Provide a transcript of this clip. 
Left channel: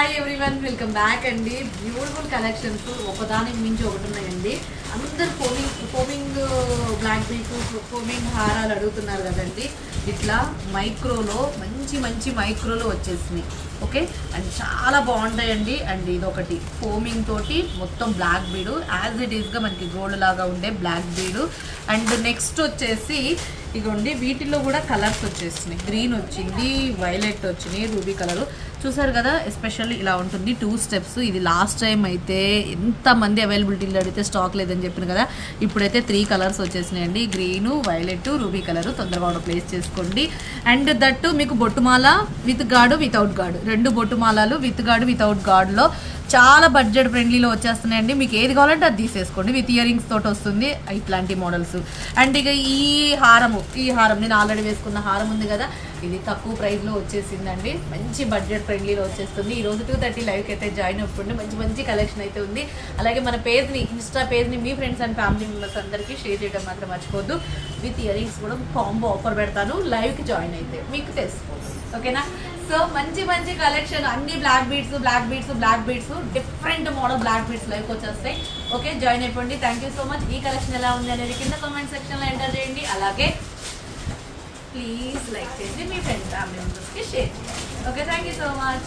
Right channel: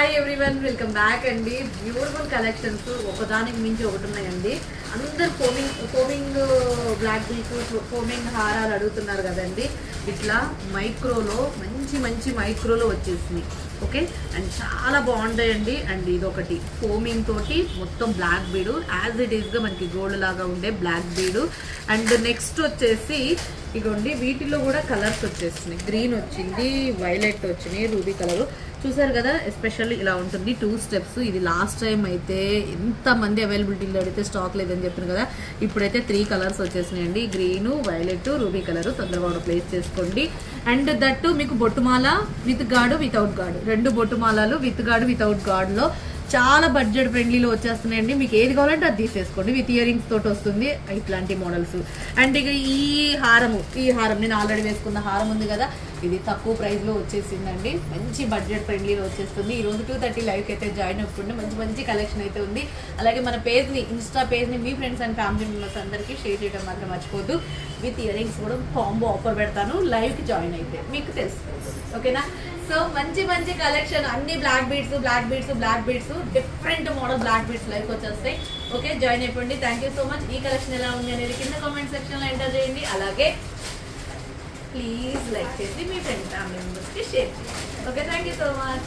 Hi everyone, welcome back అండి. Beautiful collections ఒకదానికి మించి ఒకటి ఉన్నాయండి. అందరు ఫోమింగ్ బ్లాక్ బీట్స్, ఫోమింగ్ హారాలు అడుగుతున్నారు కదండి. ఇట్లా మైక్రోలో మంచి మైక్రోలో వచ్చేసినాయి. ఓకే, అండ్ చాలా బాగుంటాయండి. అండ్ ఇది ఒకటి ఫోమింగ్ తోటి మొత్తం బ్లాక్ బీడు, యాజ్ ఇట్ ఈస్గా మనకి గోల్డ్ లాగా ఉండే బ్లాక్ బీడు. అండ్ నెక్స్ట్ వచ్చేసి ఇగోండి, వీటిల్లో కూడా కలర్స్ వచ్చేసినాయి. గ్రీన్ వచ్చింది, వైలెట్ వచ్చినాయి, రూబీ కలరు చూసారు కదా. ఎస్పెషల్లీ ఇలా ఉంటుంది, 2 స్టెప్స్. ఇది లాస్ట్ టైం అయితే ఎంతమంది అవైలబిలిటీలో అడిగితే స్టాక్ లేదని చెప్పిన కదా. ఇప్పుడైతే 3 కలర్స్ వచ్చేసినాయండి, గ్రీను, వైలెట్, రూబీ కలరు. తొందరగా ఆర్డర్ ప్లేస్ చేసుకోండి. అండ్ దట్టు మీకు బొట్టుమాల విత్ గాడు, వితౌట్ గాడు, 2 బొట్టుమాలాలు విత్ గాడు, వితౌట్ గాడ్లో చాలా బడ్జెట్ ఫ్రెండ్లీలో వచ్చేస్తున్నాయండి. మీకు ఏది కావాలంటే అది తీసేసుకోండి. విత్ ఇయర్ రింగ్స్ తోటి వస్తుంది ఇట్లాంటి మోడల్స్. అండ్ ఇక ఈ హారం నేను ఆల్రెడీ వేసుకున్న హారం ఉంది కదా, ఇది తక్కువ ప్రైస్లో వచ్చేసిందండి. మంచి బడ్జెట్ ఫ్రెండ్లీలో వచ్చేస్తుంది. ఈ రోజు 2:30 లైవ్కి అయితే జాయిన్ అవ్వండి. మంచి కలెక్షన్ అయితే ఉంది. అలాగే మన పేజ్ని, ఇన్స్టా పేజ్ని మీ ఫ్రెండ్స్ అండ్ ఫ్యామిలీ మెంబర్స్ అందరికీ షేర్ చేయడం మాత్రం మర్చిపోద్దు. విత్ ఇయర్ రింగ్స్ కూడా కాంబో ఆఫర్ పెడతాను. లైవ్కి జాయిన్ అయితే మీకు తెలిసిపోతుంది. ఓకేనా? సో మంచి కలెక్షన్, అన్ని black beads different model black beads live వచ్చేస్తాయి. ఓకే, జాయిన్ అయిపోండి. Thank you so much. ఈ కలెక్షన్ ఎలా ఉంది అనేది కింద కామెంట్ సెక్షన్లో ఎంటర్ చేయండి. అలాగే ప్లీజ్ లైక్ చేసి మీ ఫ్రెండ్స్ ఫ్యామిలీ మెంబర్స్కి షేర్ చేయండి. Okay, thank you so much.